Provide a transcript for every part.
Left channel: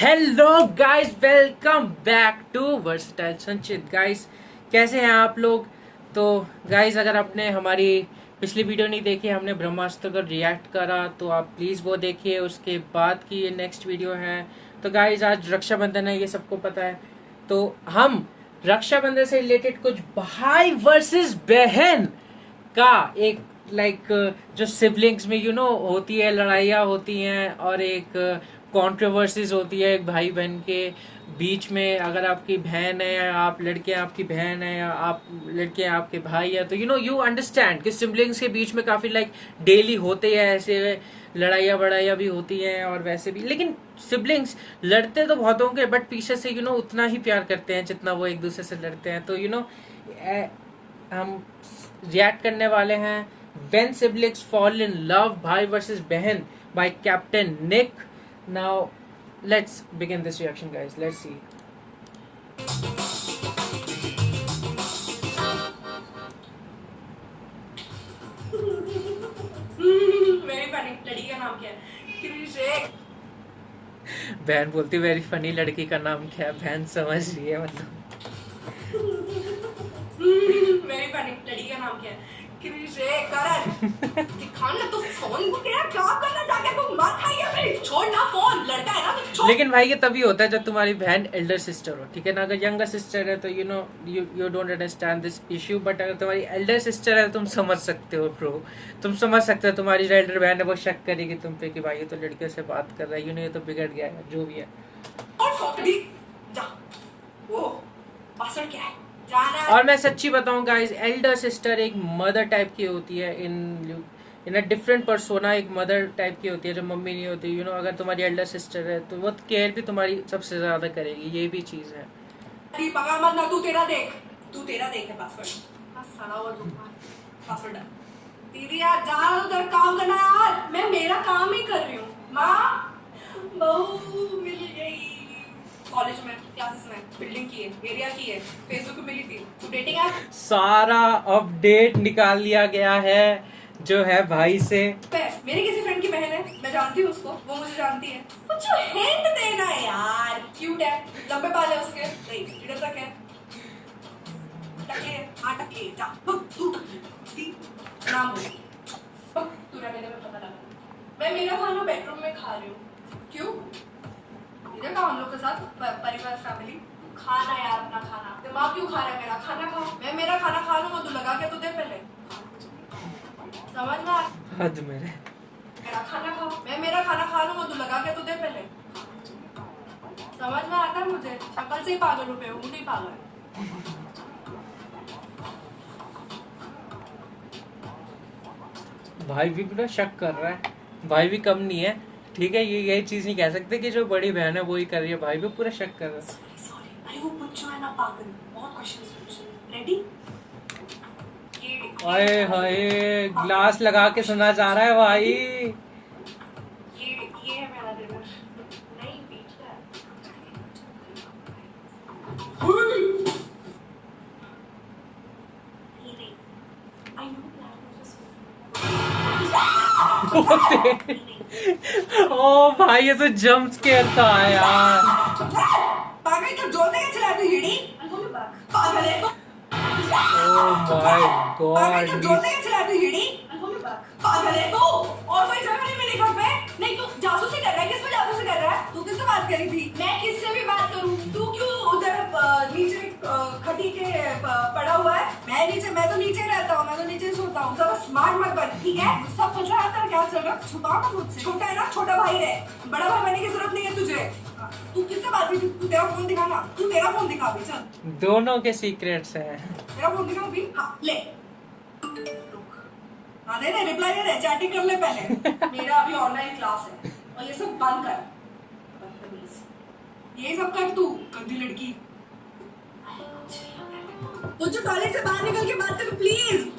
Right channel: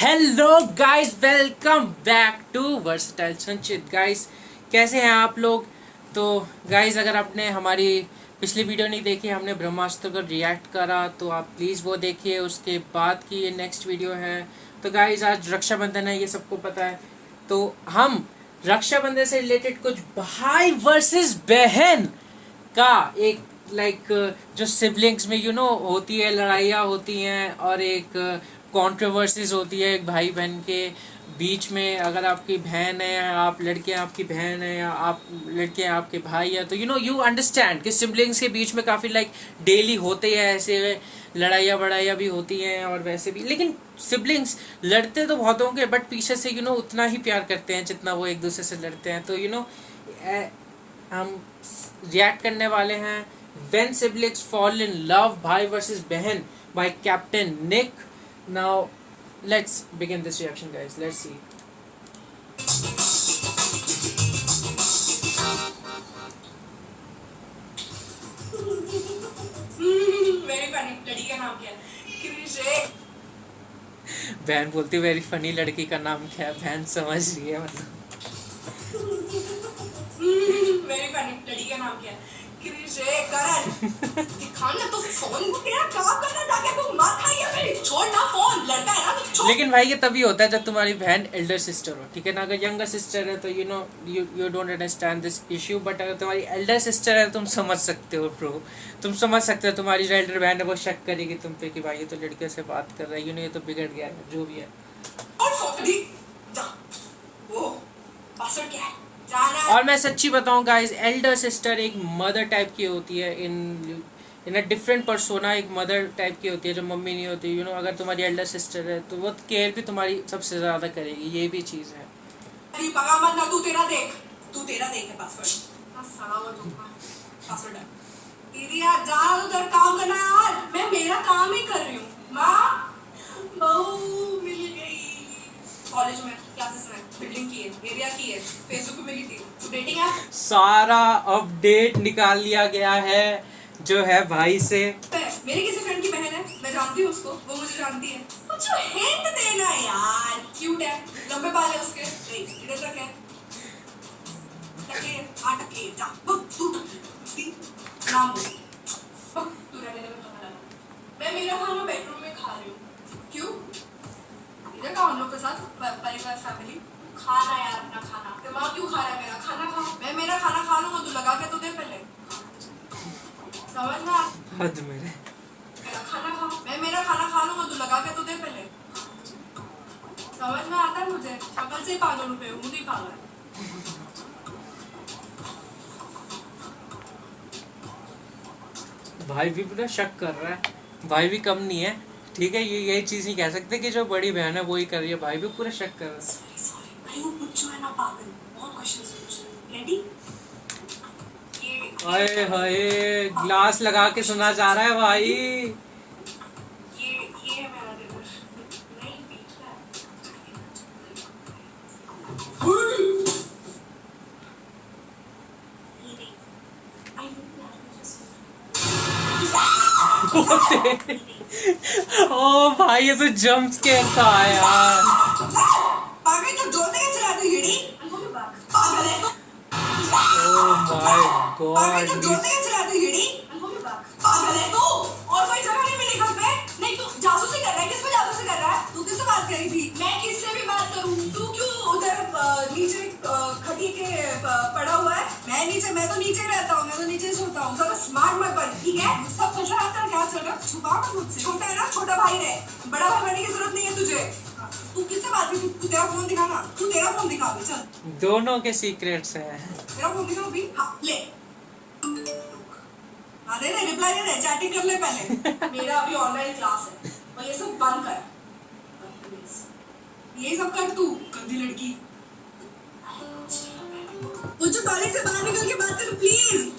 Hello guys, welcome back to versatile Sanchit. Guys, कैसे हैं आप लोग? तो गाइस, अगर आपने हमारी पिछली वीडियो नहीं देखी, हमने ब्रह्मास्त्र को रिएक्ट करा, तो आप प्लीज़ वो देखिए। उसके बाद की ये नेक्स्ट वीडियो है। तो गाइस, आज रक्षाबंधन है, ये सबको पता है। तो हम रक्षाबंधन से रिलेटेड कुछ भाई वर्सेस बहन का एक जो सिबलिंग्स में होती है, लड़ाइयाँ होती हैं और एक कंट्रोवर्सीज होती है एक भाई बहन के बीच में। अगर आपकी बहन है या आप लड़के हैं आपकी बहन है या आप लड़के हैं आपके भाई है, तो यू अंडरस्टैंड कि सिबलिंग्स के बीच में काफ़ी डेली होते हैं ऐसे लड़ाइयाँ बड़ाइयाँ भी होती हैं और वैसे भी। लेकिन सिबलिंग्स लड़ते तो बहुत होंगे, बट पीछे से उतना ही प्यार करते हैं जितना वो एक दूसरे से लड़ते हैं। तो हम रिएक्ट करने वाले हैं when siblings fall in love, भाई वर्सेस बहन, by captain Nick. Now let's begin this reaction guys, let's see. मेरी फनी लड़की का नाम क्या है? क्रिशे। बहन बोलती वेरी फनी लड़की का नाम क्या है? बहन समझ रही है मतलब। मेरी फनी लड़की का नाम क्या है? क्रिशे। करण दिखा ना, तू फोन तेरा क्या करना जाके, तू मत खाइए फिर, छोड़ ना फोन, लड़का है ना तू, छोड़। लेकिन भाई ये तभी होता है जब तुम्हारी बहन एल्डर सिस्टर हो, ठीक है ना। अगर यंगर सिस्टर है तो you don't understand this issue, but अगर तुम्हारी एल्डर सिस्टर है तो तुम समझ सकते हो ब्रो। तुम समझ सकते हो तुम्हारी जो एल्डर बहन है वो शक करेगी तुम पे कि भाई ये तो लड़कियों से बात कर रहा है, ये तो बिगड़ गया है, जो भी है। और फोकड़ी जा, वो पासवर्ड क्या है? जाना। और मैं सच्ची बताऊं गाइस, एल्डर सिस्टर एक मदर टाइप की होती है इन अ डिफरेंट पर्सोना। एक मदर टाइप की होती है जो मम्मी नहीं होती। अगर तुम्हारी एल्डर सिस्टर है तो वो केयर भी तुम्हारी सबसे ज़्यादा करेगी, ये भी चीज़ है। अरे पगा मत ना, तू तेरा देख है पासवर्ड। हाँ साला वो पासवर्ड है तेरी यार, जा उधर काम करना यार, मैं मेरा काम ही कर रही हूँ। माँ बहू मिल गई कॉलेज में, क्लासेस में, बिल्डिंग की है, एरिया की है, फेसबुक पे मिली थी। तू डेटिंग है? सारा अपडेट निकाल लिया गया है जो है भाई से। मेरी किसी फ्रेंड की बहन है, मैं जानती हूँ उसको, वो मुझे जानती है। कुछ हिंट देना यार। क्यूट है, लंबे बाल है उसके, इधर तक है, टकले, हाँ टकले, जा तू टकली नाम बोल, तू रहने दे, मैं पता लगा। मैं मेरा खाना बेडरूम में खा रही हूँ। क्यों? इधर का हम लोग के साथ परिवार फैमिली खाना यार, अपना खाना। दिमाग क्यों खा रहा है मेरा? खाना खा। मैं मेरा खाना खा लूंगा, तू लगा के तो दे पहले, समझ में आ? हद मेरे। मेरा खाना खा, मैं मेरा खाना खा लूंगा, तू लगा के तो दे पहले, समझ में आता है मुझे। शक्ल से पागल रुपए हूँ, नहीं पागल। भाई भी पूरा शक कर रहा है, भाई भी कम नहीं है, ठीक है। ये चीज़ नहीं कह सकते कि जो बड़ी बहन है वो ही कर रही है, भाई भी पूरा शक कर रहा है। सॉरी भाई, वो पुच्चू है ना पागल, बहुत क्वेश्चंस पूछ रहे। रेडी? हाय हाय, ग्लास लगा के सुना जा रहा है भाई। ये है मेरा डिनर। नहीं बीच है। ये देख, आई नो ओ भाई, ये तो जंप स्केयर था यार। पागल, तो जोर से चला तू येड़ी, पागल है। ओ माय पागल, तो गॉड। जोर से चला तू येड़ी, पागल है तू। और कोई जगह नहीं मिली घर पे? नहीं, तू जासूसी कर रहा है, किस पे जासूसी कर रहा है? तू किससे बात करी थी? मैं किससे भी बात करूं? तू क्यों उधर नीचे खटी के पड़ा हुआ है? मैं तो नीचे रहता हूँ, मैं तो नीचे सोता हूँ। तो स्मार्ट मत बन, ठीक है? सब चल रहा था, क्या चल रहा? छुपा मत मुझसे। छोटा है ना, छोटा भाई रहे, बड़ा भाई बनने की जरूरत नहीं है तुझे। तू किससे बात करी? तू तेरा फोन दिखा ना, तू तेरा फोन दिखा अभी, चल दोनों के सीक्रेट्स हैं। तेरा फोन दिखा अभी। हाँ ले, हाँ दे दे, रिप्लाई दे दे, चैटिंग कर ले पहले। मेरा अभी ऑनलाइन क्लास है और ये सब बंद कर, ये सब कर तू, गंदी लड़की। मुझे टॉयलेट से बाहर निकल के बात कर प्लीज।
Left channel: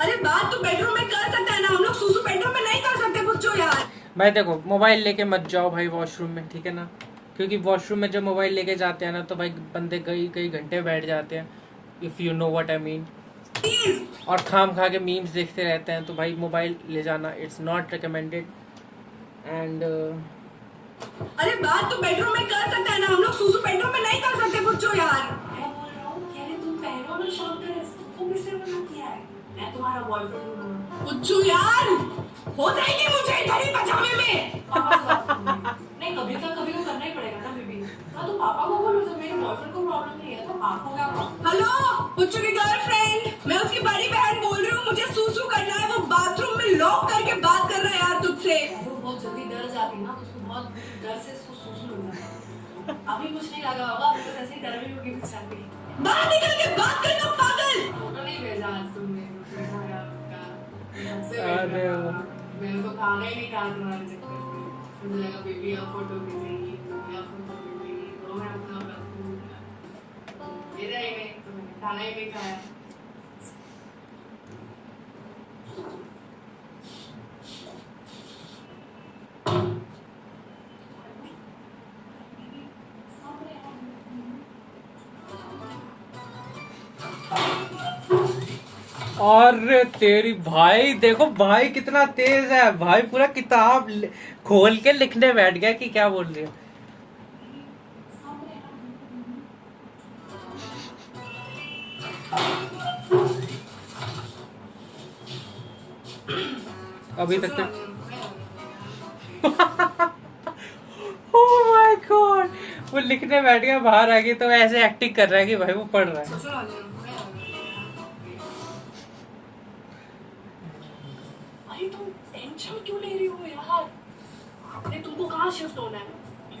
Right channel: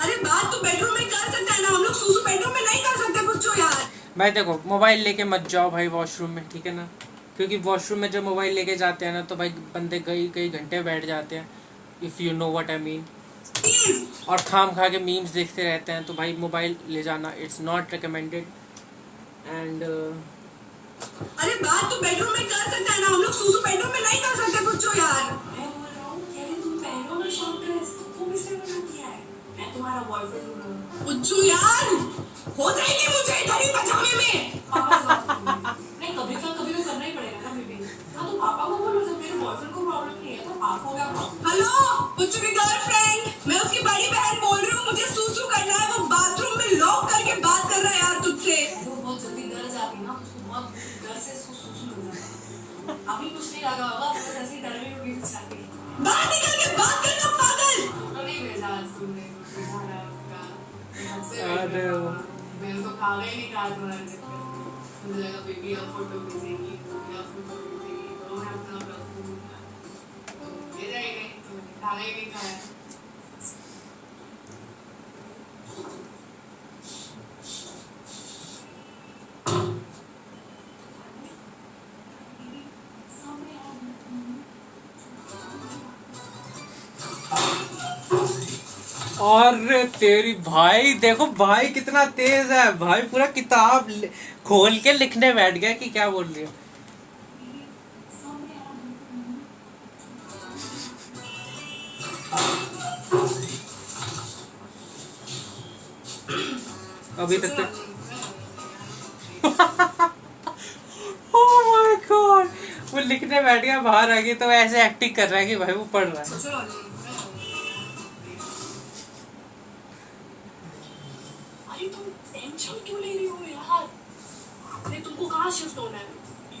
अरे बात तो बेडरूम में कर सकता है ना, हम लोग सूसू बेडरूम में नहीं कर सकते बुच्चो यार। भाई देखो, मोबाइल लेके मत जाओ भाई वॉशरूम में, ठीक है ना। क्योंकि वॉशरूम में जब मोबाइल लेके जाते हैं ना तो भाई बंदे कई कई घंटे बैठ जाते हैं, if you know what I mean. Please और खाम खा के मीम्स देखते रहते हैं, तो भाई मोबाइल ले जाना इट्स नॉट रिकमेंडेड। एंड अरे बात तो बेडरूम में कर सकते हैं ना, हम लोग सुसु बेडरूम में नहीं कर सकते पुच्चो यार। मैं बोल रहा हूँ कह रहे तुम पहनो ना शॉर्ट ड्रेस, तुमको किसने मना किया है? मैं तुम्हारा बॉयफ्रेंड हूँ पुच्चू यार, हो जाएगी मुझे घड़ी पजामे में। नहीं कभी क्या कभी तो करना ही पड़ेगा ना बेबी। हाँ तो पापा को बोलो, जब मेरे बॉयफ्रेंड को प्रॉब्लम नहीं है तो आपको क्या प्रॉब्लम? हेलो पुच्चू की गर्लफ्रेंड, मैं उसकी बड़ी बहन बोल रही हूँ, मुझे सुसु करना है, वो बाथरूम में लॉक करके बात करना है यार तुझसे। वो बहुत जल्दी डर जाती है ना, उसको बहुत डर से सुसु होता है। अभी कुछ नहीं लगा होगा, बस ऐसे ही डर में होगी कुछ शादी। बाहर निकल के बात करना पागल। फोटो नहीं भेजा आज तुमने, यार उसका। अरे वो मेरे को खाना ही नहीं कहा तुम्हारे चक्कर में। मुझे लगा बेबी अब फोटो भेजेगी, या फोटो भेजेगी, तो मैं अपना रखूँ। भेजा ही नहीं, तुमने खाना ही नहीं खाया। और तेरी भाई देखो भाई कितना तेज है भाई, पूरा किताब खोल के लिखने बैठ गया कि क्या बोल रही है। अभी तक तो ओह माय गॉड, वो लिखने बैठ गया, बाहर आ गई तो ऐसे एक्टिंग कर रहा है कि भाई वो पढ़ रहा है। अरे तुम टेंशन क्यों ले रही हो यार? अरे तुमको कहाँ शिफ्ट होना है?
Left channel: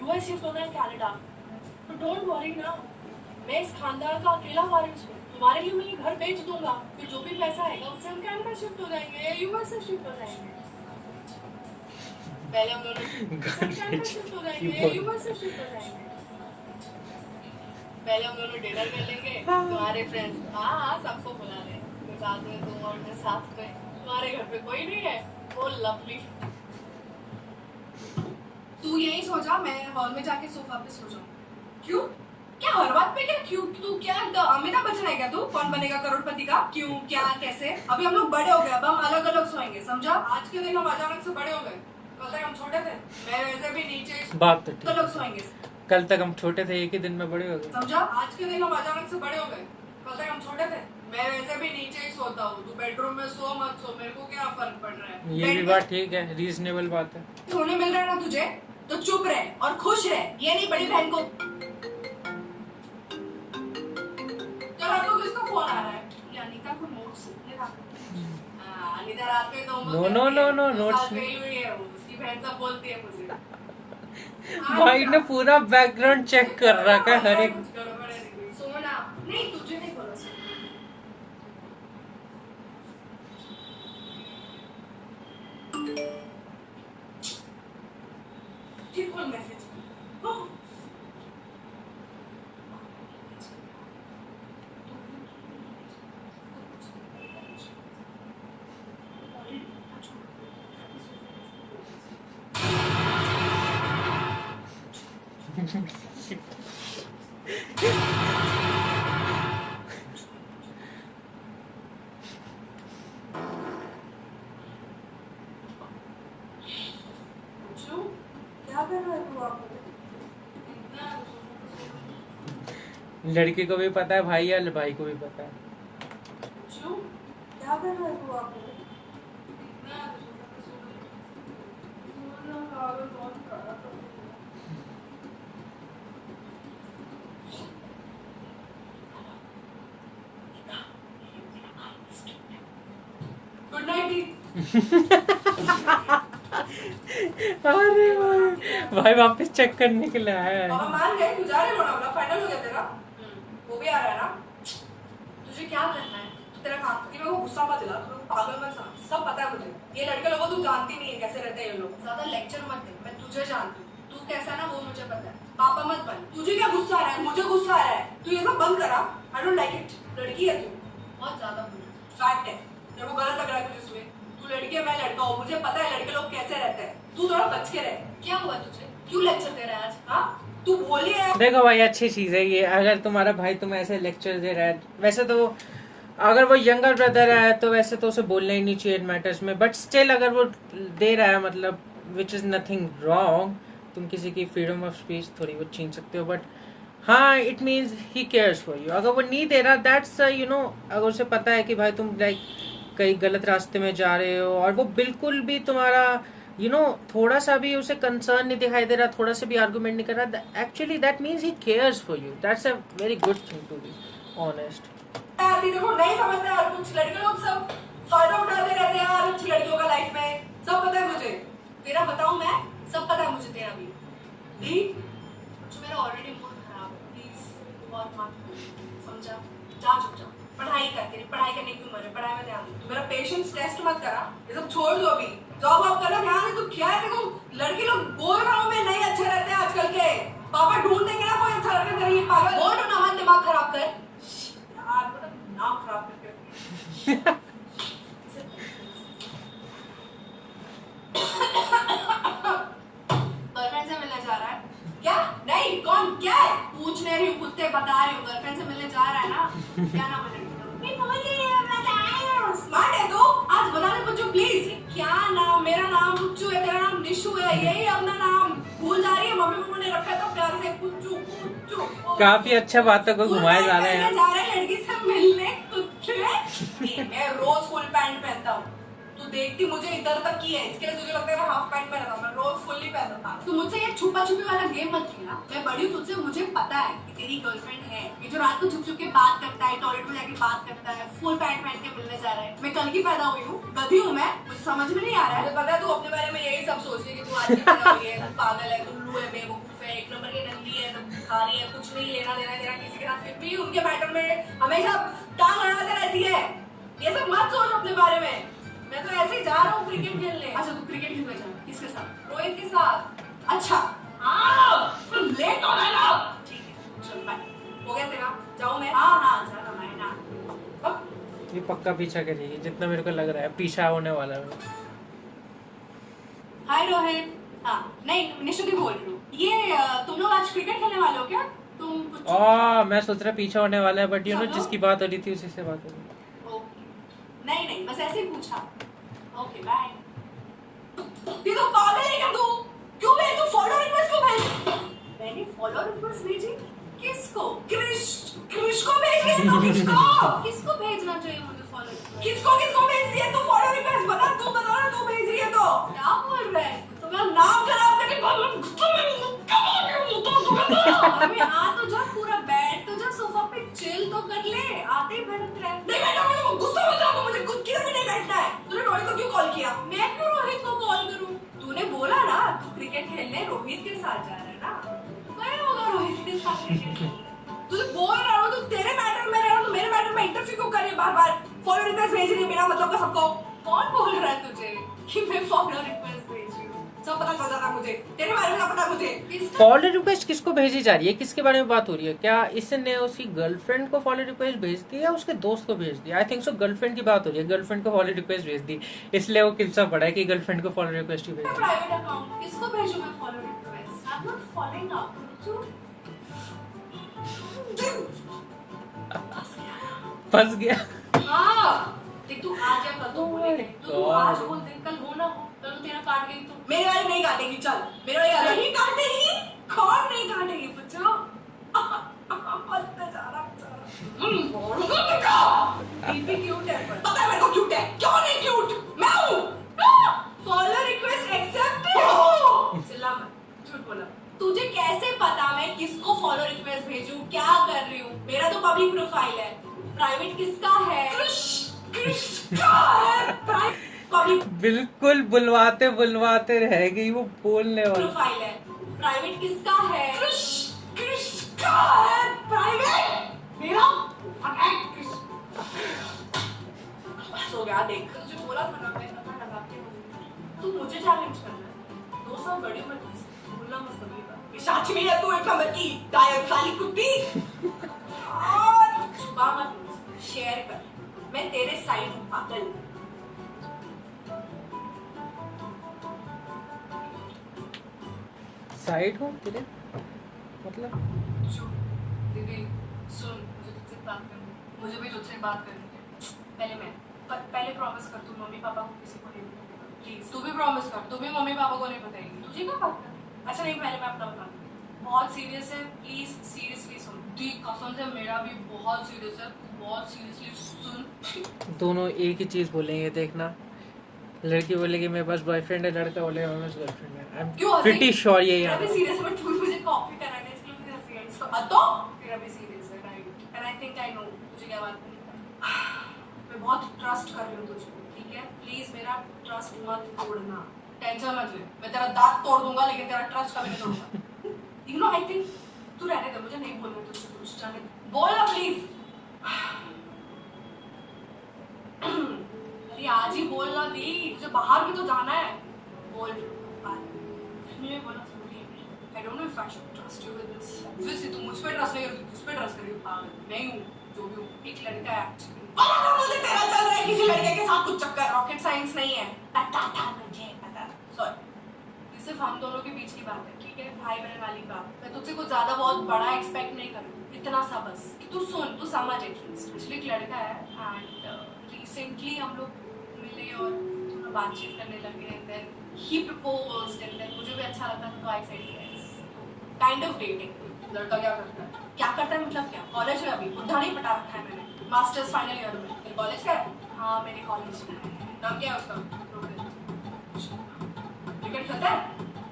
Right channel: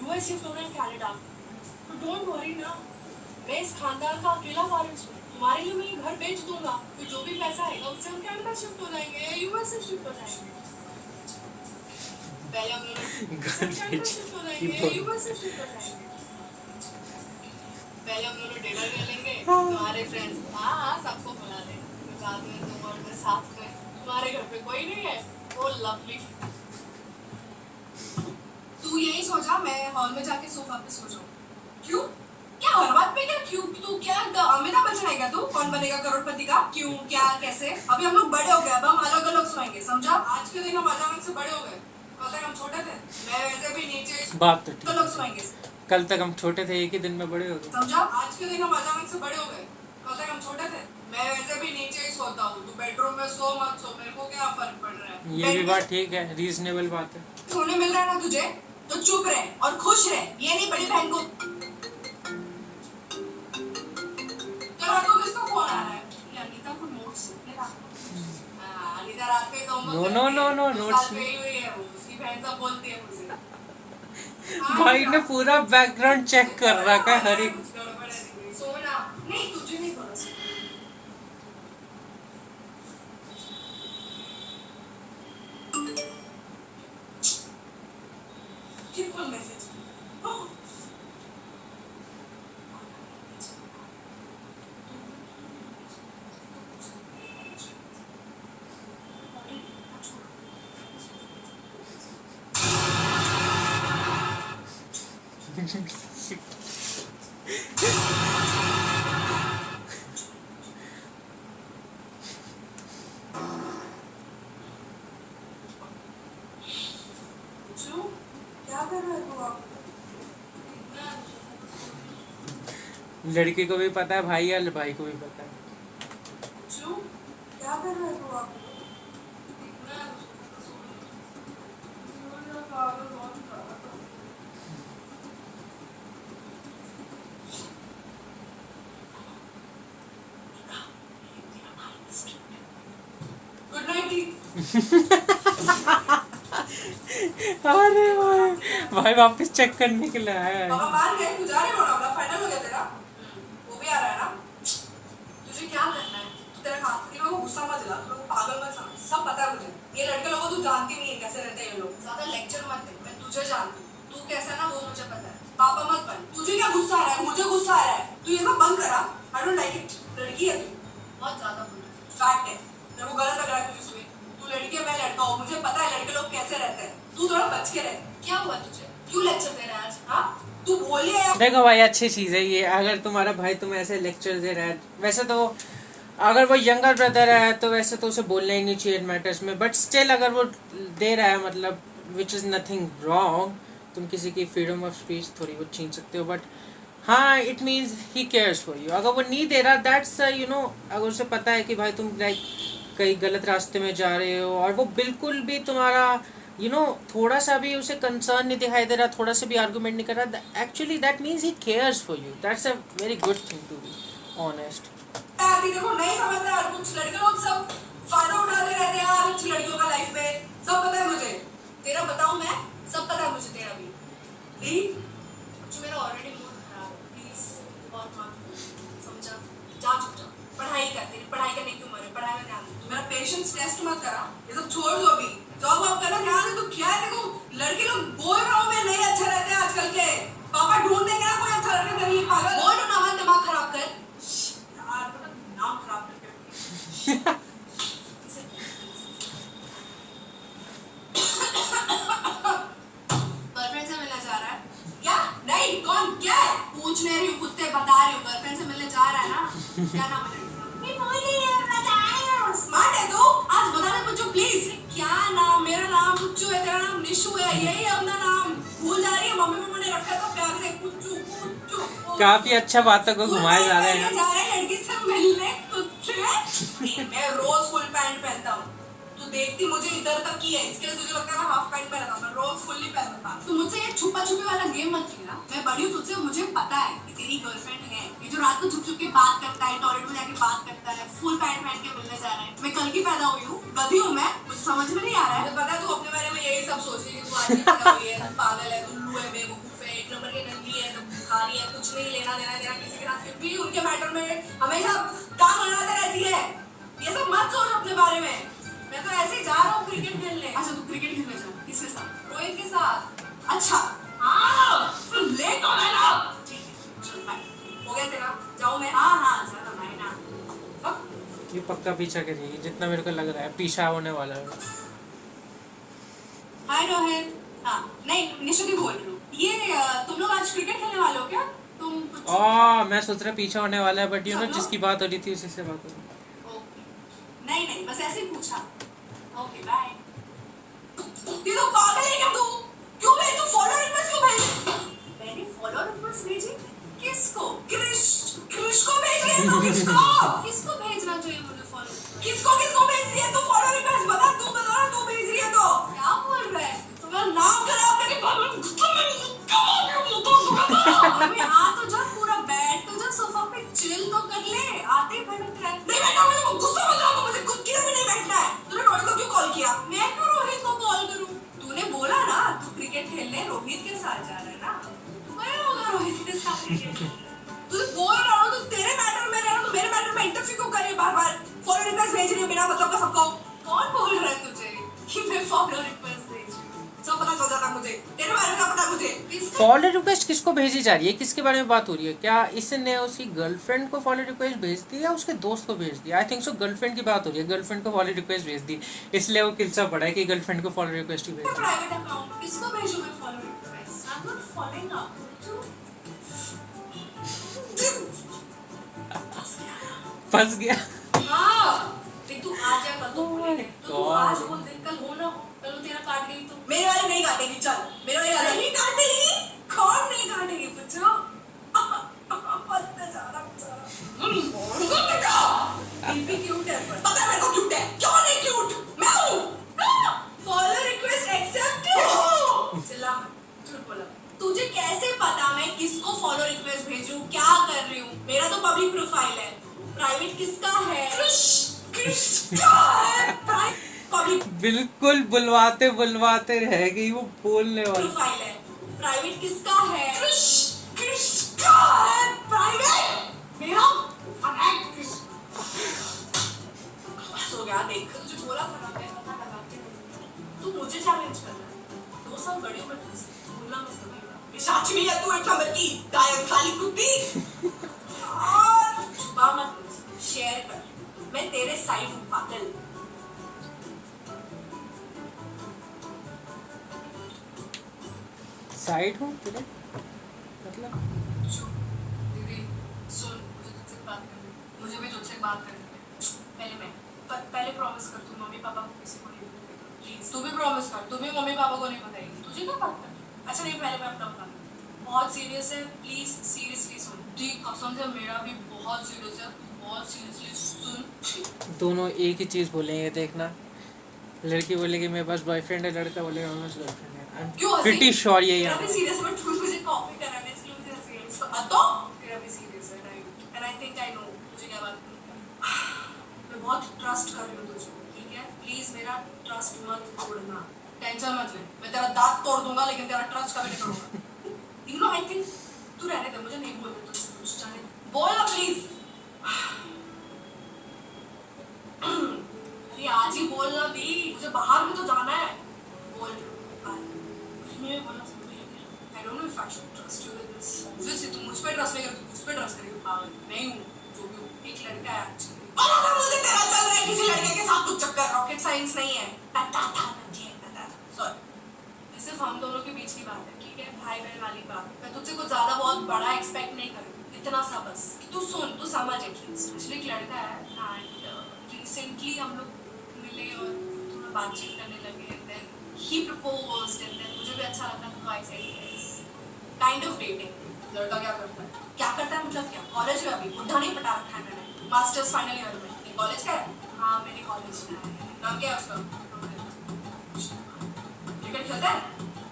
यूएस शिफ्ट होना है, कनाडा। तो डोंट वरी ना, मैं इस खानदान का अकेला वारिस हूँ। तुम्हारे लिए मैं ये घर बेच दूंगा, फिर जो भी पैसा आएगा उससे हम कनाडा शिफ्ट हो जाएंगे, यूएस से शिफ्ट हो जाएंगे। पहले हम लोग घर कनाडा शिफ्ट हो जाएंगे, यूएस से शिफ्ट हो जाएंगे। पहले हम लोग डिनर कर लेंगे, तुम्हारे फ्रेंड्स, हाँ सबको बुला लें साथ में, तुम और मैं साथ में। तुम्हारे घर पे कोई नहीं है, वो लवली। तू यही सोचा मैं हॉल में जाके सोफा पे सो जाऊं? क्यों? क्या हर बात पे क्या क्यों? तू क्या अमिताभ बच्चन है क्या तू? कौन बनेगा करोड़पति का? क्यों, क्या, कैसे? अभी हम लोग बड़े हो गए, अब हम अलग अलग सोएंगे, समझा? आज के दिन हम अचानक से बड़े हो गए, कल तक हम छोटे थे, मैं वैसे भी नीचे बात तो ठीक लोग है, सोएंगे, कल तक हम छोटे थे, एक ही दिन में बड़े हो गए। समझा? आज के दिन हम अचानक से बड़े हो गए, कल तक हम छोटे थे, मैं वैसे भी नीचे ही सोता हूँ, तू बेडरूम में सो मत सो, मेरे को क्या फर्क पड़ रहा है? ये भी बात ठीक है, रीजनेबल बात है। सोने मिल रहा है ना तुझे, तो चुप रहे और खुश रहे, ये नहीं बड़ी बहन को। चलो तो किसका फोन आ रहा है? ये अनीता को नोट्स लिखने का। हाँ, अनीता रात में तो नो नोट्स फेल हुई है, वो उसकी बहन सब बोलती है मुझे। भाई ने पूरा बैकग्राउंड चेक कर रखा है हर एक। सोना नहीं, तुझे नहीं बोला। फिर कौन मैसेज? क्या कर रहे हो आप? लड़की को भी पता है भाई, या भाई को भी पता है। क्या कर रहे हो आप? Good night. अरे भाई वापस चेक करने के लिए आया है। पापा मान गए, तू जा रही हो ना, अपना फाइनल हो गया तेरा, वो भी आ रहा है ना। तुझे क्या करना है? तेरा काम, तू मेरे को गुस्सा मत दिला, तू पागल मत समझ, सब पता है मुझे। ये लड़के लोगों तू जानती नहीं है कैसे रहते हैं ये लोग, ज्यादा लेक्चर मत दे, मैं तुझे जानती हूँ, तू कैसा है ना वो मुझे पता है। पापा मत बन, तुझे क्या गुस्सा आ रहा है? मुझे गुस्सा आ रहा है, तू ये सब बंद करा, आई डोंट लाइक इट। लड़की है तू, बहुत ज्यादा बोली, फैक्ट है, मेरे को गलत लग रहा है तुझे उसमें। तू लड़की है, मैं लड़का हूँ, मुझे पता है लड़के लोग कैसे रहते हैं, तू थोड़ा बच के रह। क्या हुआ तुझे? क्यों लेक्चर दे रहा है आज? हाँ तू बोली है। देखो भाई अच्छी चीज़ है ये, अगर तुम्हारा भाई तुम्हें ऐसे लेक्चर दे रहा है, वैसे तो अगर वो यंगर ब्रदर है तो वैसे तो उसे बोलना ही नहीं चाहिए मैटर्स में, बट स्टिल अगर वो दे रहा है मतलब विच इज़ नथिंग रॉन्ग, तुम किसी की फ्रीडम ऑफ स्पीच थोड़ी बहुत छीन सकते हो, बट हाँ it means he cares for you. अगर वो नहीं दे रहा, दैट्स अगर उसे पता है कि भाई तुम लाइक कहीं गलत रास्ते में जा रहे हो और वो बिल्कुल भी तुम्हारा थोड़ा सा भी उसे कंसर्न नहीं दिखाई दे रहा, थोड़ा सा भी आर्गुमेंट नहीं कर रहा, actually that means he cares for you. That's a very good thing to be honest. अभी देखो नहीं समझते यार, कुछ लड़के लोग सब फायदा उठाते रहते हैं यार अच्छी लड़कियों का लाइफ में। सब पता है मुझे, तेरा बताऊं मैं, सब पता है मुझे तेरा भी। जो मेरा ऑलरेडी मूड खराब है, प्लीज और मत समझा, जा चुपचाप पढ़ाई कर, तेरी पढ़ाई करने की उम्र है, पढ़ाई में ध्यान दे। तू मेरा पेशेंस टेस्ट मत करा, ये सब छोड़ दो अभी, जॉब आप करना ध्यान दे। तू क्या है, देखो लड़के लोग बोल रहा हूँ मैं, नहीं अच्छे रहते हैं आजकल के, पापा ढूंढ देंगे ना कोई अच्छा लड़का तेरे लिए। पागल बोल ना मत, दिमाग खराब कर यार, नाम खराब करके गर्लफ्रेंड से मिलने जा रहा है क्या? नहीं, कौन क्या है? पूछ नहीं रही हूँ, कुत्ते बता रही हूँ, गर्लफ्रेंड से मिलने जा रहा है ना। क्या नाम है? स्मार्ट है तू, आज बताने पूछो प्लीज। क्या नाम? मेरा नाम पुच्चू है, तेरा नाम निशु है, यही अपना नाम भूल जा रही है। मम्मी पापा ने रखा था प्यार से पुच्चू पुच्चू। काफी अच्छा बातों को घुमाए जा रहे हैं। जा रहे हैं लड़की से मिलने कुत्ते। मैं रोज फुल पैंट पहनता हूँ, तू देखती मुझे इधर तक की है, इसके लिए तुझे लगता है मैं हाफ पैंट पहनता हूँ, मैं रोज फुल्ली पहनता हूँ। तू मुझसे ये छुपा छुपी वाला गेम मत खेलना, मैं बड़ी हूँ तुझसे, मुझे पता है कि तेरी गर्लफ्रेंड है, ये जो रात को छुप छुप के बात करता है, टॉयलेट में जाके बात करता है, फुल पैंट पहन के मिलने जा रहा है। मैं कल की पैदा हुई हूँ, गधी हूँ मैं, मुझे समझ में नहीं आ रहा है। मुझे पता है तू अपने बारे में यही सब सोच रही है कि तू आज की पैदा हुई है, तू पागल है, उल्लू है, बेवकूफ है, एक नंबर की गंदी है, तू भिखारी है, कुछ नहीं लेना देना तेरा किसी के साथ, फिर भी उनके मैटर में हमेशा टांग अड़ाते रहती है। ये सब मत सोच अपने बारे में, मैं तो ऐसे ही जा रहा हूँ क्रिकेट खेलने। अच्छा तू क्रिकेट खेलने जा, किसके साथ? रोहित के साथ। अच्छा लेट हो गया ना, ठीक है चल बाय, हो गया तेरा, जाऊँ मैं? हाँ हाँ जा मैं ना। ये पक्का पीछा करेगी, जितना मेरे को लग रहा है पीछा होने वाला है। हाय रोहित। हाँ नहीं निशु की बोल रही हूँ। ये तुम लोग आज क्रिकेट खेलने वाले हो क्या? तुम मैं सोच रहा पीछा होने वाला है, बट जिसकी बात हो रही थी उसी से बात हो रही। नहीं नहीं बस ऐसे ही पूछा। Okay bye. ये तो पागल है क्या तू? क्यों भेज, तू फॉलो रिक्वेस्ट क्यों भेज? मैंने फॉलो रिक्वेस्ट भेजी? किसको? क्रिश को भेज रही है तू? किसको भेजना चाहिए मुझे फॉलो रिक्वेस्ट? किसको भेज रही है तू फॉलो रिक्वेस्ट? बता, तू बता ना, तू भेज रही है तो क्या बोल रहा है? तुम्हारा नाम खराब करके बाबा गुस्सा में मुक्का मार के मुक्का अबे आ तो जा, पूरा बैठ तो जा सोफा पे, चिल तो कर ले, आते ही बैठ रहा है। नहीं बैठा, मुझे गुस्सा मत दिलाओ, मुझे खुद किधर भी नहीं बैठना है। तूने रोहित को क्यों कॉल किया? मैं क्यों रोहित को कॉल करूं? तूने बोला ना तू क्रिकेट खेलने रोहित के साथ जा रहा है ना, गया होगा रोहित के साथ क्रिकेट। तू बोल रहा हो, तू तेरे मैटर में रह रहा, तू मेरे मैटर में इंटरफेयर क्यों कर रही है बार-बार? फॉलो रिक्वेस्ट भेज रही है बिना मतलब का सबको। कौन बोल रहा है तुझे कि मैं फॉलो रिक्वेस्ट भेज रही हूं? सब पता चल जाता मुझे, तेरे बारे में क्या पता मुझे? फॉलो रिक्वेस्ट किसको भेजी जा रही है, किसके बारे में बात हो रही है? क्या इसने उसकी गर्लफ्रेंड को फॉलो रिक्वेस्ट भेज दी या उसके दोस्त को भेज दी? आई थिंक सो गर्लफ्रेंड की बात हो रही है, गर्लफ्रेंड को फॉलो रिक्वेस्ट भेज दी, इसलिए वो किलसा पड़ा है कि गर्लफ्रेंड को फॉलो रिक्वेस्ट ही भेज दी। प्राइवेट अकाउंट किसको भेजूं मैं follow request? I am not following up too. फंस गया। हाँ देख तू आज क्या कर, तू आज बोल दे, कल हो ना हो, कल वो तेरा काट गई तो मेरे वाले नहीं काटेगी। चल मेरे वाले नहीं काटेगी, कौन नहीं काटेगी पूछो? हंसते जा रहा दीपी क्यूट है, पता है मेरे को क्यूट है, क्यों नहीं क्यूट? मैं हूँ। Follow request accept. चिल्ला मत, झूठ बोला। तुझे कैसे पता मैं किसको फॉलो रिक्वेस्ट भेजूं, क्या कर रही हूँ? मेरा तो पब्लिक प्रोफाइल है, प्राइवेट किसका है? बिल्कुल बुलवाते बुलवाते रह गई वो बोलने वाली। प्रोफाइल है, प्राइवेट किसका है? किसका है प्राइवेट? मेरा सो गया। देख तुझे बोला था ना, मैं पता लगा के तू मुझे चैलेंज करना, 2 साल बड़ी मत बोलना मत कभी। सच में है तू एक नंबर की गायब साली कुत्ती। और छुपा मत, शेयर कर, मैं तेरे साइड हूँ पागल। साइड हूँ तेरे मतलब? दीदी सुन, मुझे तुझसे बात करनी है, मुझे भी तुझसे बात करनी है। पहले प्रॉमिस कर तू मम्मी पापा को किसी को नहीं बताएगी प्लीज। तू भी प्रॉमिस कर, तू भी मम्मी पापा को नहीं बताएगी। तुझे क्या बात करनी? अच्छा नहीं, पहले मैं अपना बता दूं। बहुत सीरियस है, प्लीज सीरियसली सुन। दी कसम से मेरा भी बहुत सीरियस है, तू बहुत सीरियसली सुन। दोनों एक ही चीज बोलेंगे, देखना। लड़की बोलेगी मेरे पास बॉयफ्रेंड है, लड़का बोलेगा मेरे पास गर्लफ्रेंड है। आई क्यों एम हंसी? प्रीटी श्योर यही मेरा आना भी है। सीरियस है, बट तू मुझे कॉपी कराने इसलिए मुझे हंसी आई। सो तो तेरा भी सीरियस है, right? And I think I know मुझे क्या बात करनी है। मैं बहुत ट्रस्ट कर रही हूँ तुझको, ठीक है? प्लीज मेरा ट्रस्ट मत तोड़ना, टेंशन मत ले। मैं तेरा दांत तोड़ दूंगा लेकिन तेरा ट्रस्ट कभी नहीं तोड़ूंगा। यू नो, आई थिंक तू रहने दे, मुझे नहीं बोलना तुझसे कुछ, जाने बोल ना प्लीज। अरे आज ही बोलना दी, मुझे बाहर भी तो जाना है। बोल। मैं बोला समझी। I don't know if I should trust you with this. Obviously तुम मुझ पे ट्रस्ट नहीं करती, उस पे ट्रस्ट करियो। पागल नहीं हूँ, जो भी हूँ, एक लड़का है एक्चुअली। मुझे तेरा चल रहा है किसी लड़के के साथ कुछ चक्कर, रॉकेट साइंस नहीं है। पता था मुझे, पता था। सॉरी, ये सिर्फ हम दोनों के बीच की बात है, ठीक है? भाई बहन वाली बात। मैं तुझसे कुछ ज्यादा बहुत बड़ा एक्सपेक्ट नहीं करूँ, इतना सा बस कि तू सुन, तू समझ एटलीस्ट। एक्चुअली एक लड़का है एंड रिसेंटली हम लोग मिले और थोड़ा बातचीत करने लगे and then he proposed and then मुझे भी अच्छा लगा, तो I said yes. Kind of dating. लड़का क्या करता है? क्या करता है मतलब क्या? कॉलेज में अभी बुढ़ा नहीं पटा रखा है मैंने, मास्टर्स फाइनल ईयर में। तेरे कॉलेज का है? हाँ मेरे कॉलेज में है। नाम क्या है उसका? क्रिकेट खेलता है?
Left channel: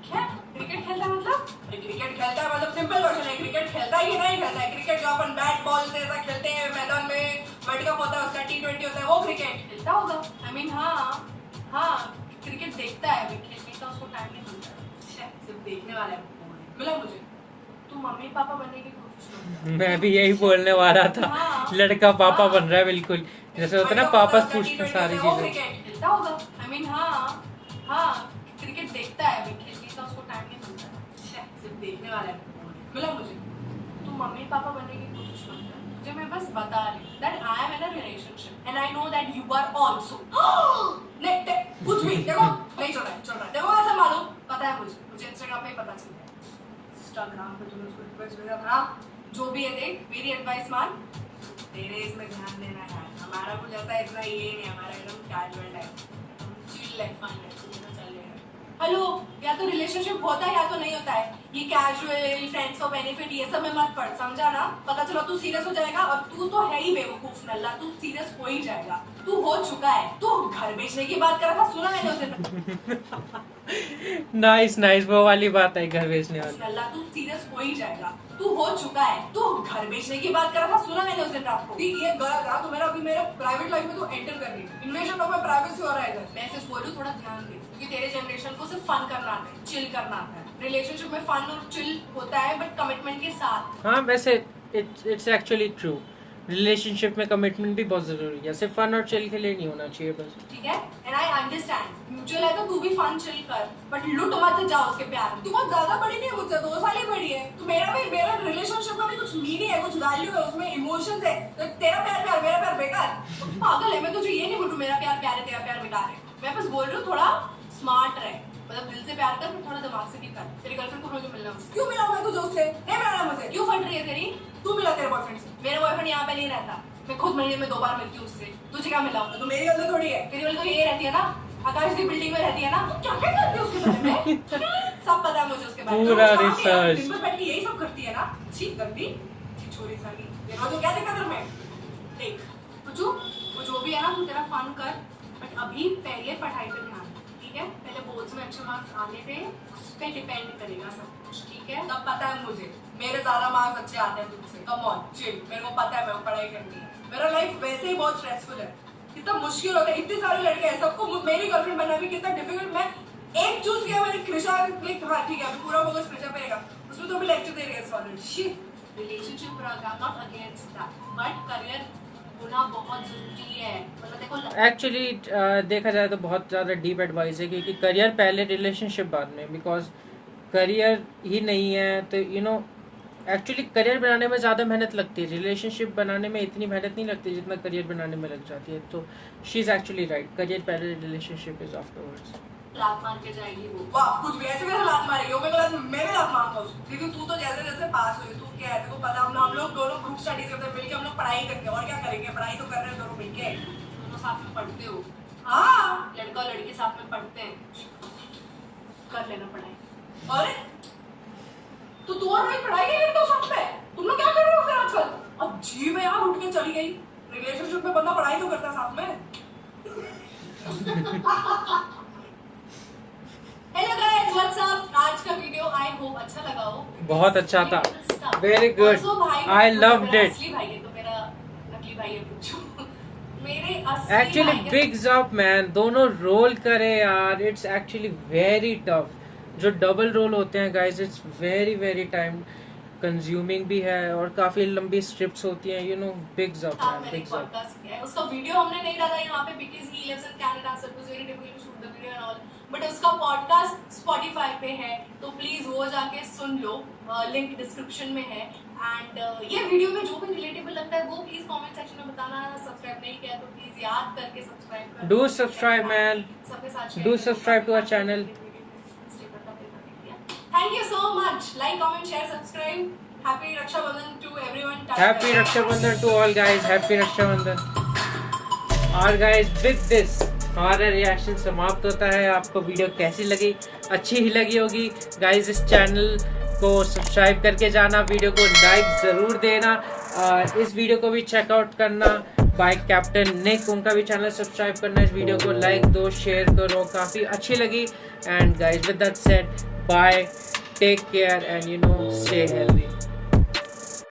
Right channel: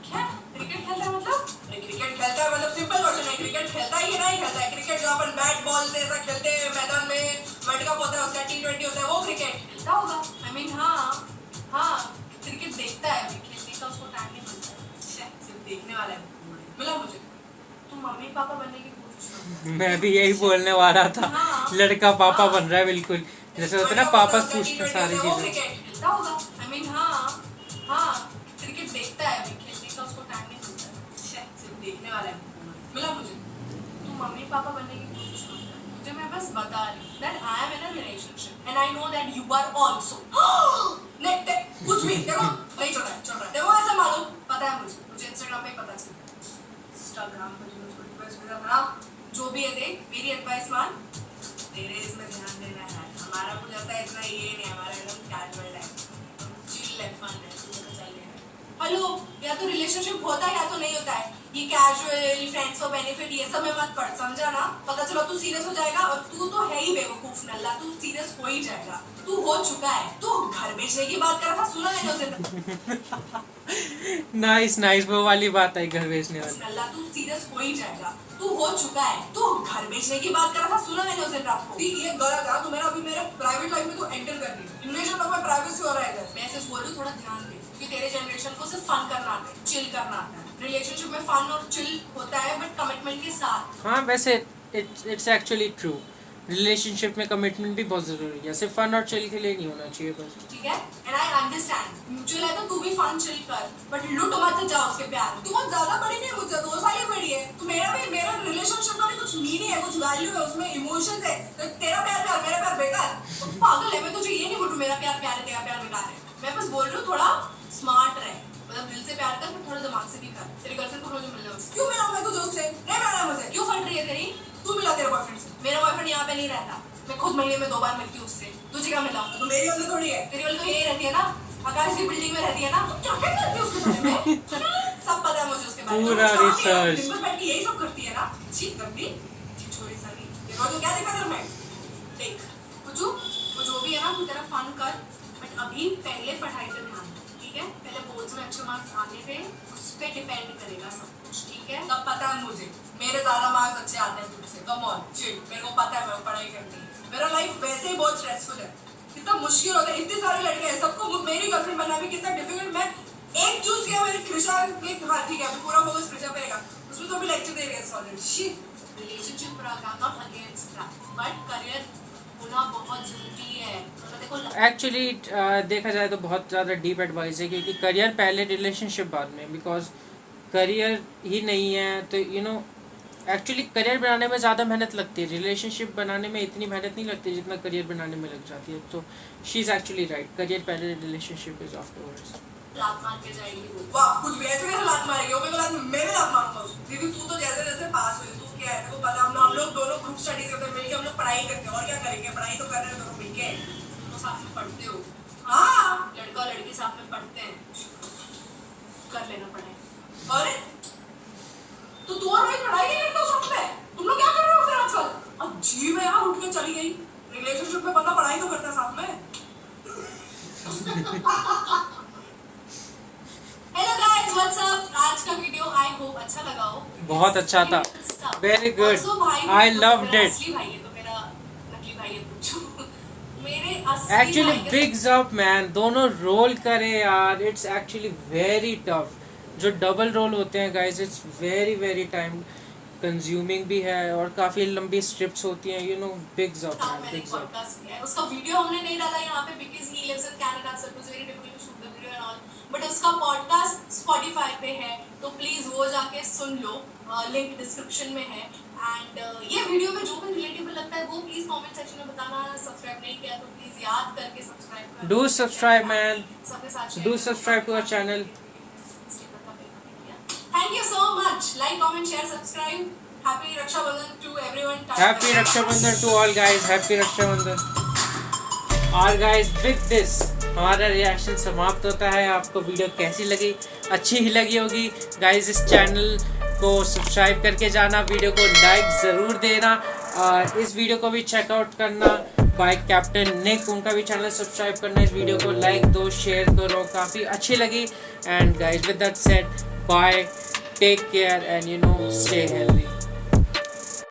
क्या क्रिकेट खेलता है मतलब? क्रिकेट खेलता है मतलब सिंपल क्वेश्चन है, क्रिकेट खेलता है कि नहीं खेलता है? क्रिकेट जो अपन बैट बॉल से ऐसा खेलते हैं मैदान में, वर्ल्ड कप होता है उसका, T20 होता है, वो क्रिकेट खेलता होगा। आई मीन हाँ क्रिकेट देखता है, अभी खेलने का उसको टाइम नहीं मिलता है। सिर्फ देखने वाला है। मिला मुझे। तू मम्मी पापा बनने की कोशिश कर। मैं भी यही बोलने वाला था। हाँ, लड़का पापा हाँ। बन रहा है बिल्कुल, जैसे होता है ना पापा से पूछते हैं सारी चीजें। क्रिकेट खेलता होगा। आई मीन हाँ क्रिकेट देखता है, अभी खेलने का उसको टाइम नहीं मिलता है। सिर्फ देखने वाला है। मिला मुझे। तू मम्मी पापा बनने की कोशिश मत कर, मुझे मैं बस बता रही हूँ that I am in a relationship and I know that you are also. कुछ भी देखो नहीं चल रहा है। देखो ऐसा मालूम पता है मुझे इंस्टाग्राम पे पता चला। इंस्टाग्राम पे तूने उसको रिक्वेस्ट भेजा था, जो भी है देख, मेरी एडवाइस मान। तेरे इसमें ध्यान देना है, हमारा कुछ ऐसा इतना ये नहीं, हमारा एकदम कैजुअल है, चिल है, फन है, चल रहा है। हेलो, या तो रिलेशनशिप होता है या तो नहीं होता है। ये कैजुअल फ्रेंड्स को बेनिफिट ये सब में मत पड़, समझा ना? पता चला तू सीरियस हो जाएगा, और तू तो है ही बेवकूफ नल्ला, तू सीरियस हो ही जाएगा। तू हो चुका है, तू घर बेचने की बात कर रहा था, सुना मैंने उसे। नाइस वो वाली बात है, घर बेचने वाली। नल्ला तू सीरियस हो ही जाएगा, तू हो चुका है, तू घर बेचने की बात कर रहा था, सुना मैंने उसे रात को। ये गलत है, तू मेरा अभी मेरा प्राइवेट लाइफ में तो एंटर कर रही है। इन्वेशन ऑफ माय प्राइवेसी हो रहा है। मैं सिर्फ बोल रही हूं थोड़ा ध्यान दे, क्योंकि तेरे जनरेशन को सिर्फ फन करना आता है, चिल करना आता है। रिलेशनशिप में फन और चिल होता है बट कमिटमेंट के साथ। हाँ वैसे इट्स एक्चुअली ट्रू, रिलेशनशिप में कमिटमेंट भी बहुत जरूरी है, सिर्फ फन और चिल के लिए नहीं होना चाहिए बस। ठीक है, एंड आई अंडरस्टैंड म्यूचुअल है तो तू भी फन चिल कर, बट लुट मत जाओ उसके प्यार में। तू बहुत ज्यादा बड़ी नहीं है मुझसे, 2 साल ही बड़ी है। तो मेरा रिलेशनशिप का भी कुछ मीनिंग है, कुछ वैल्यू है उसमें, इमोशंस है। तो तेरा प्यार मेरा प्यार बेकार, तो पागल है। मैं तुझे ये नहीं बोलूं मेरा प्यार प्यार है, तेरा प्यार बेकार है। मैं बस बोल रही हूँ थोड़ा स्मार्ट रहे, मतलब दिल से प्यार कर, थोड़ा दिमाग से भी कर। तेरी गर्लफ्रेंड को मुझे मिलना है। क्यों मिला मैं तुझे उससे? नहीं मिलना मुझे। क्यों फट रही है तेरी? तू मिला तेरे बॉयफ्रेंड से। मेरा बॉयफ्रेंड यहाँ पे नहीं रहता, मैं खुद महीने में 2 बार मिलती हूँ उससे। तुझे क्या मिला? तो मेरी वाली थोड़ी है। तेरी वाली तो यही रहती है ना, आकाश की बिल्डिंग में रहती है ना। तो क्या क्या करती है उसके बारे में? सब पता है मुझे उसके बारे में। पूरा रिसर्च। दिन भर बैठ के यही सब करती है ना। छी गंदी, छी छोरी सारी। ये तो क्या देखा तेरे में? देख कुछ वो जो भी है ना, तू तेरा फन कर, बट अभी पहले पढ़ाई पे ध्यान दे, ठीक है? पहले बोर्ड्स में अच्छे मार्क्स आने थे, उस पे डिपेंड करेगा सब कुछ, ठीक है? सब पता है मुझे, मेरे ज्यादा मार्क्स अच्छे आते हैं तुमसे। कम ऑन चिल, मेरे को पता है मैं पढ़ाई करनी है। मेरा लाइफ वैसे ही बहुत स्ट्रेसफुल है, कितना मुश्किल होता है। इतने सारे लड़के हैं, सबको मेरी गर्लफ्रेंड बनना भी कितना डिफिकल्ट। मैं एक चूज किया, मैंने कृषा। हाँ ठीक है, पूरा फोकस कृषा पे रहेगा, उसमें तो भी लेक्चर दे रही है solid shit. Relationship program not against that, but career होना बहुत जरूरी है। तो देखो एक्चुअली देखा जाए तो बहुत ज़्यादा डीप एडवाइस है, क्योंकि करियर पहले रिलेशनशिप बाद में, बिकॉज करियर ही नहीं है तो एक्चुअली करियर बनाने में ज़्यादा मेहनत लगती है, रिलेशनशिप बनाने में इतनी मेहनत नहीं लगती जितना करियर बनाने में लग जाती है। तो she is actually right, career पहले, रिलेशनशिप इज आफ्टरवर्ड्स। लात मार के जाएगी वो। वाह, कुछ भी ऐसे कैसे लात मारेगी वो? मैं भी लात मारता हूँ। दीदी तू तो जैसे जैसे पास हुई, तू क्या है तेरे को पता, हम लोग दोनों ग्रुप स्टडीज करते हैं मिलके, हम लोग पढ़ाई करते हैं, और क्या करेंगे? पढ़ाई तो कर रहे हैं दोनों मिलके। तो साथ में पढ़ते हो? हाँ, लड़का और लड़की साथ में पढ़ते हैं, कर लेना पढ़ाई। अरे तो तू और रोहित पढ़ाई नहीं करते हो साथ में? तुम लोग क्या कर रहे हो फिर आजकल? अजीब है यार, उठ के चली गई। रिलेशनशिप में बंदा पढ़ाई तो करता है साथ में। Hello guys, what's up? आज का वीडियो आई होप अच्छा लगा हो। बहुत अच्छा था, very good, I loved it. असली भाई है तो मेरा नकली भाई है पूछो। मेरे असली एक्चुअली भाई के बिग्स अप मैन, दोनों रोल करे यार, इट्स एक्चुअली वेरी टफ। जो डबल रोल होते हैं guys, it's very very time consuming भी है और काफ़ी लंबी स्ट्रिप्स होती हैं, यू नो। बिग्स अप साथ मैन, मैंने बिग्स अप। पॉडकास्ट किया है। उसका वीडियो हमने नहीं डाला यहाँ पे because he lives in Canada, so it was very difficult to shoot the video and all. But उसका पॉडकास्ट स्पॉटिफाई पे है, तो प्लीज वो जाके सुन लो, लिंक डिस्क्रिप्शन में है। एंड ये वीडियो में जो भी रिलेटेबल लगता है वो प्लीज कमेंट सेक्शन में बताना। सब्सक्राइब नहीं किया तो प्लीज याद करके सब्सक्राइब कर डू सब्सक्राइब मैन, सबके साथ do subscribe to our channel. Thank you so much. Like, comment, share, subscribe. Happy Rakshabandhan to everyone. Happy Rakshabandhan to all guys, happy Rakshabandhan. और गाइस विद दिस हमारा रिएक्शन समाप्त होता है। आपको वीडियो कैसी लगी? अच्छी ही लगी होगी गाइस। इस चैनल को सब्सक्राइब करके जाना, वीडियो को लाइक ज़रूर देना और इस वीडियो को भी चेकआउट करना। बाय कैप्टन निक, उनका भी चैनल सब्सक्राइब करना। इस वीडियो को लाइक दो, शेयर करो, काफ़ी अच्छी लगी। And guys with that said, bye, take care and you know stay healthy.